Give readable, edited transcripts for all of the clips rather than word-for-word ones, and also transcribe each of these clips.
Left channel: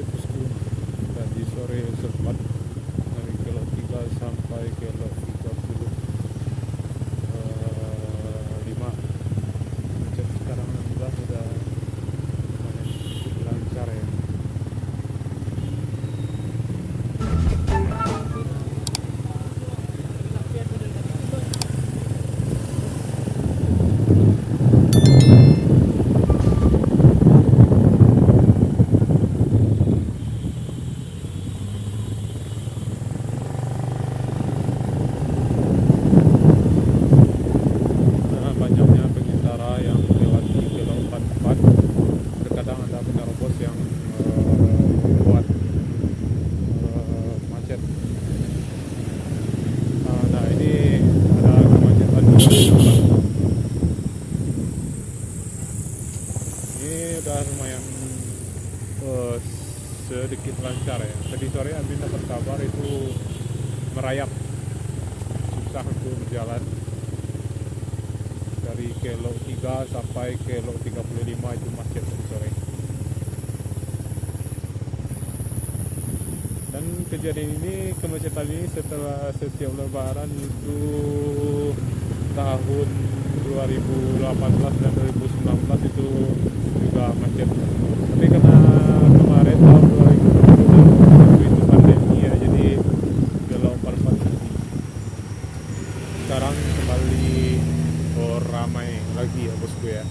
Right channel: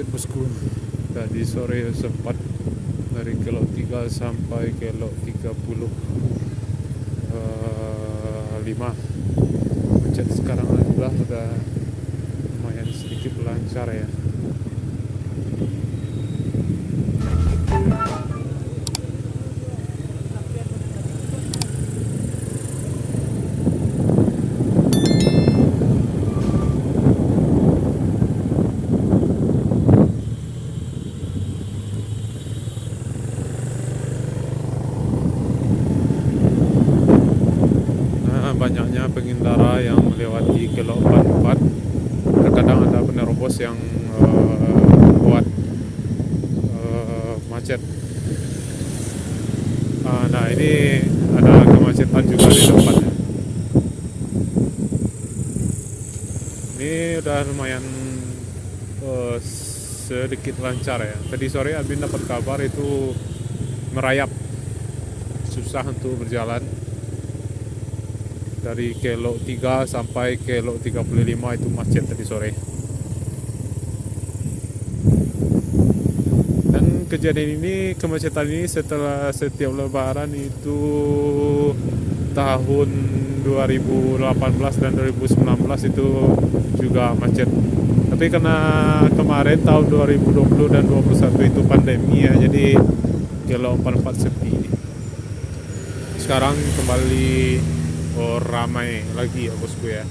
macet bosku. Tadi sore sempat dari kilo 3 sampai kilo 35 macet. Sekarang udah lumayan sedikit lancar ya. Banyaknya pengendara yang melewati kilo 44. Terkadang ada penerobos yang buat macet. Nah ini ada kemacetan juga di tempatnya. Ini udah lumayan sedikit lancar ya. Tadi sore Abin dapat kabar itu merayap, susah untuk berjalan. Dari kilo 3 sampai kilo 35 itu macet tadi sore. Dan kejadian ini, kemacetan ini setelah setiap lebaran itu tahun 2018 dan 2019 itu juga macet. Tapi karena kemarin tahun 2020 dan 2021 itu pandemi ya, jadi kilo 44 sepi. Sekarang kembali ramai lagi ya bosku ya.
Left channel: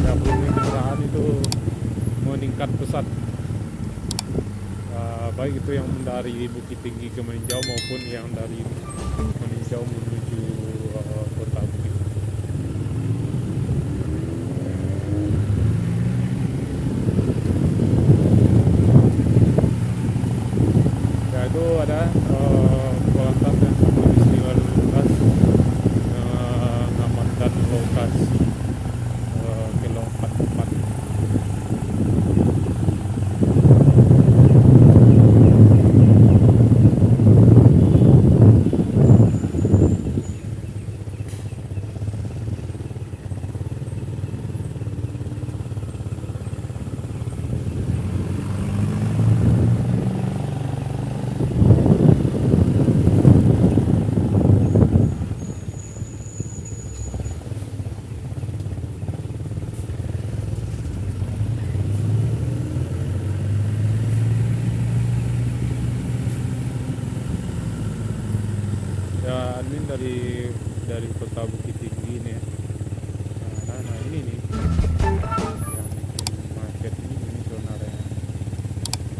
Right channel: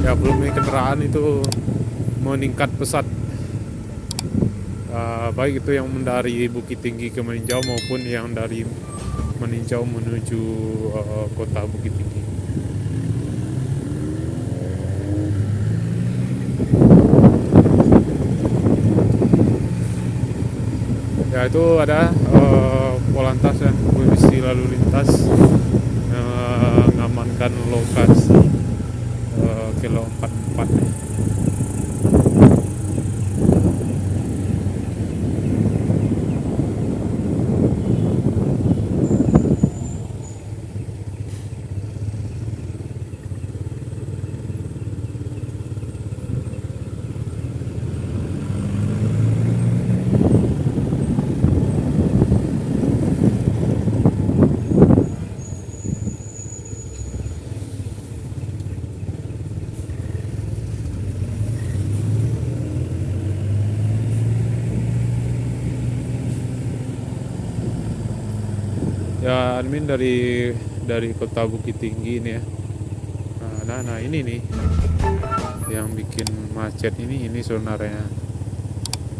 Ya volume kendaraan itu meningkat pesat, baik itu yang dari Bukit Tinggi ke Meninjau maupun yang dari Meninjau menuju kota Bukit Tinggi. Ya itu ada Polantas ya, polisi lalu lintas mengamankan lokasi kilo 44. Ya admin dari kota Bukit Tinggi ini ya. Nah ini nih yang bikin macet ini sebenarnya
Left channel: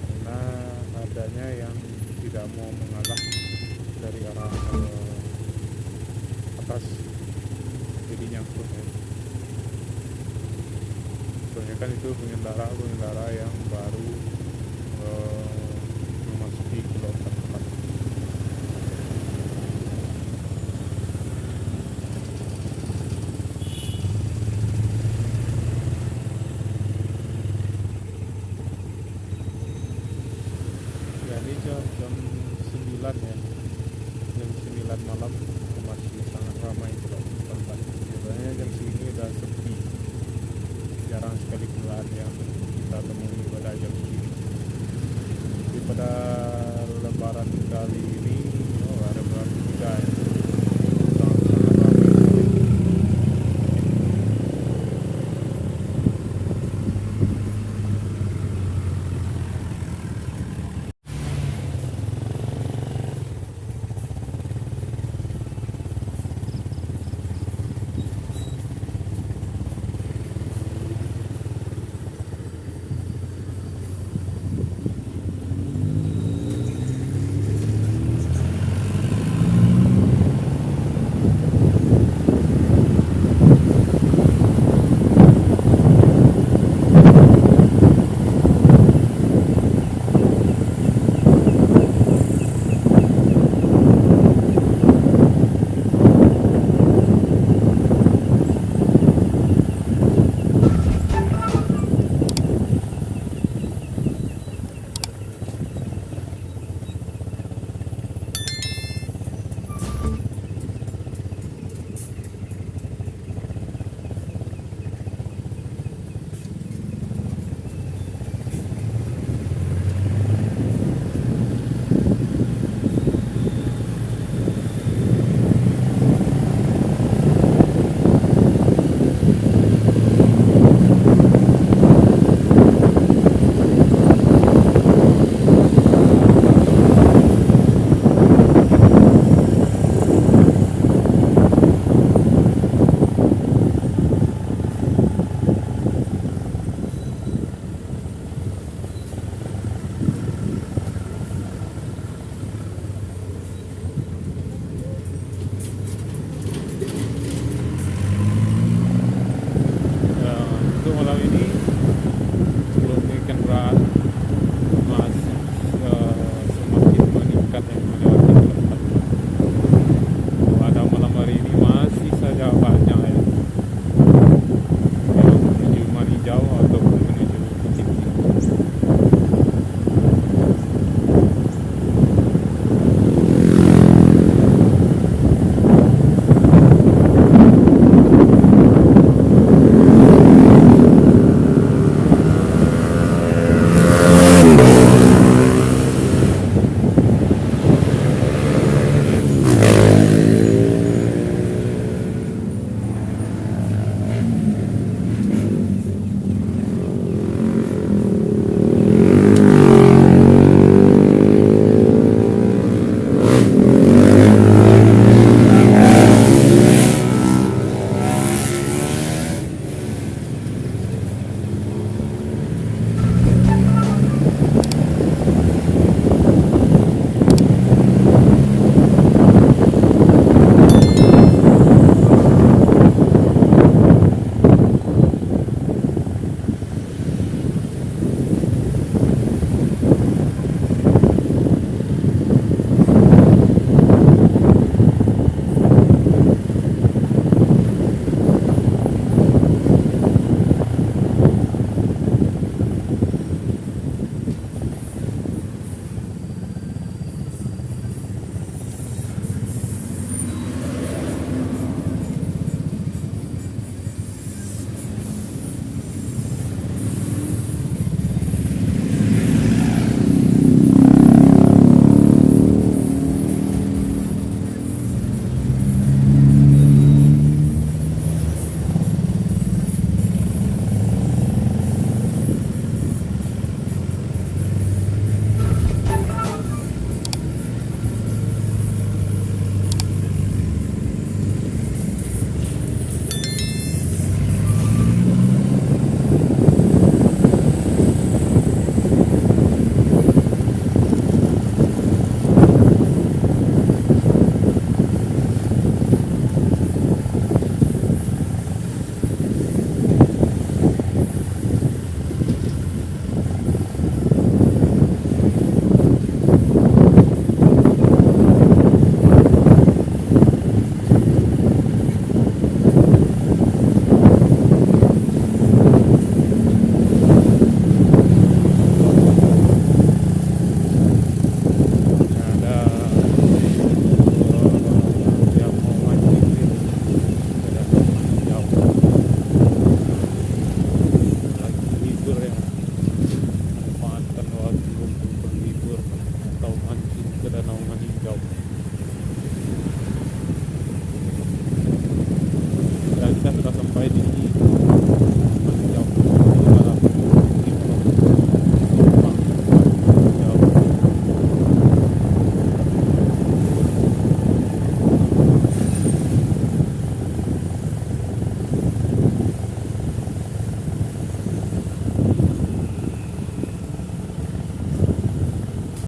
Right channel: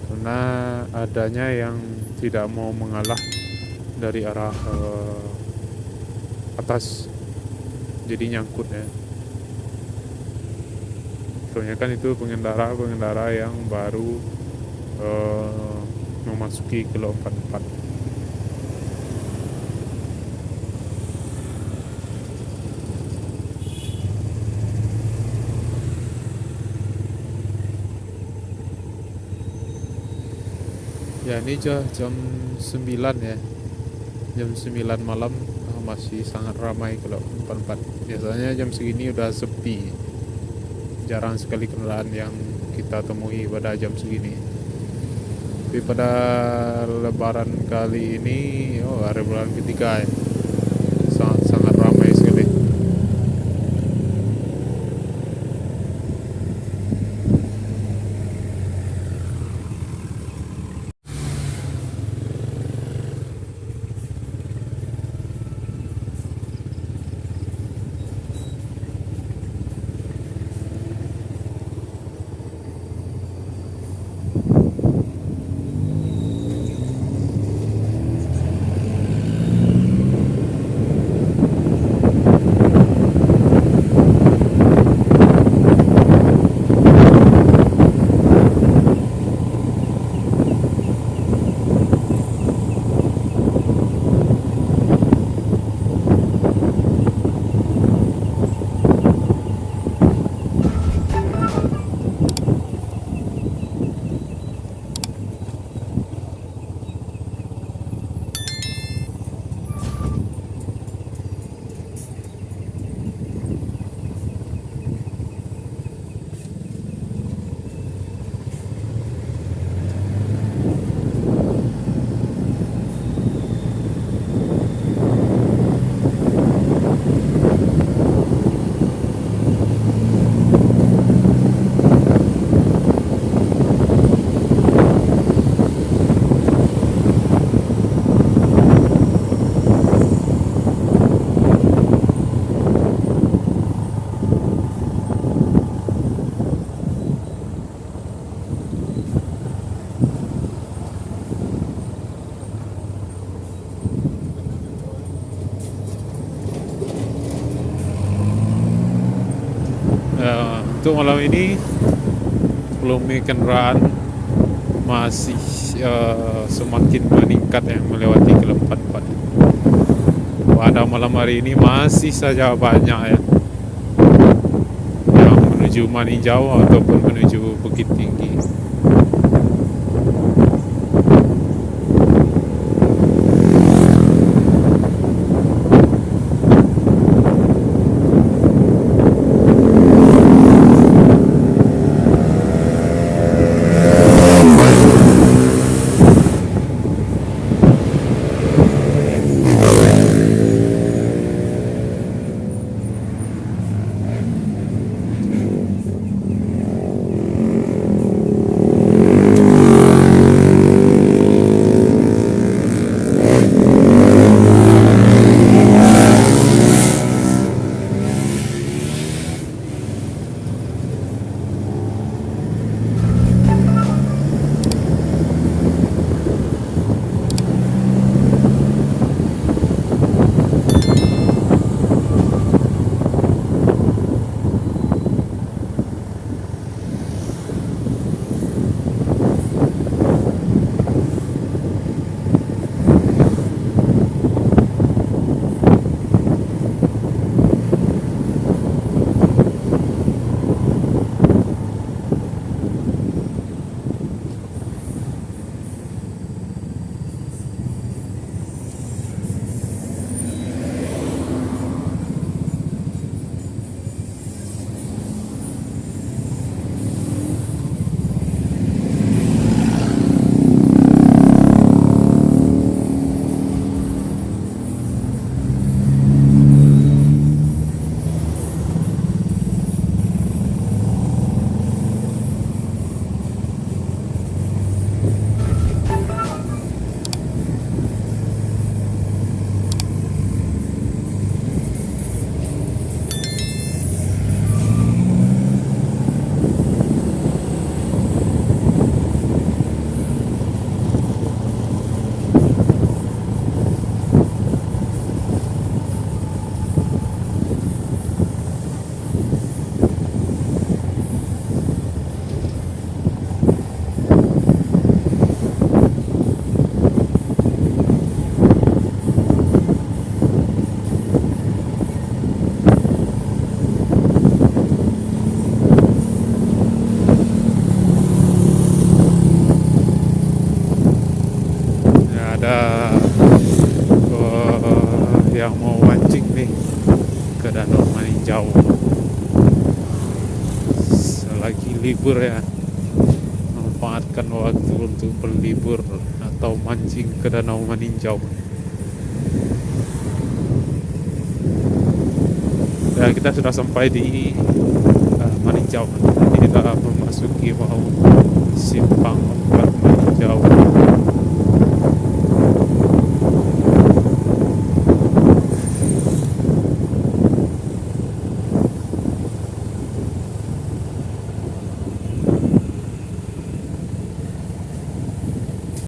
karena adanya yang tidak mau mengalah dari arah atas, jadi nyangkut ya. Soalnya kan itu pengendara yang baru memasuki kilo 44. Ya ini jam 9 ya, jam 9 malam masih sangat ramai kalau 44. Biasanya jam segini udah sepi, jarang sekali kendaraan yang kita temui pada jam segini. Tapi pada lebaran kali ini, hari lebaran ketiga ya, sangat ramai sekali. untuk malam ini volume kendaraan masih semakin meningkat ya, melewati Kilometer 44. Pada malam hari ini masih saja banyak ya yang menuju Maninjau ataupun menuju Bukit Tinggi. Libur ya, manfaatkan waktu untuk berlibur atau mancing ke Danau Maninjau. Ya, kita sudah sampai di Maninjau. Inilah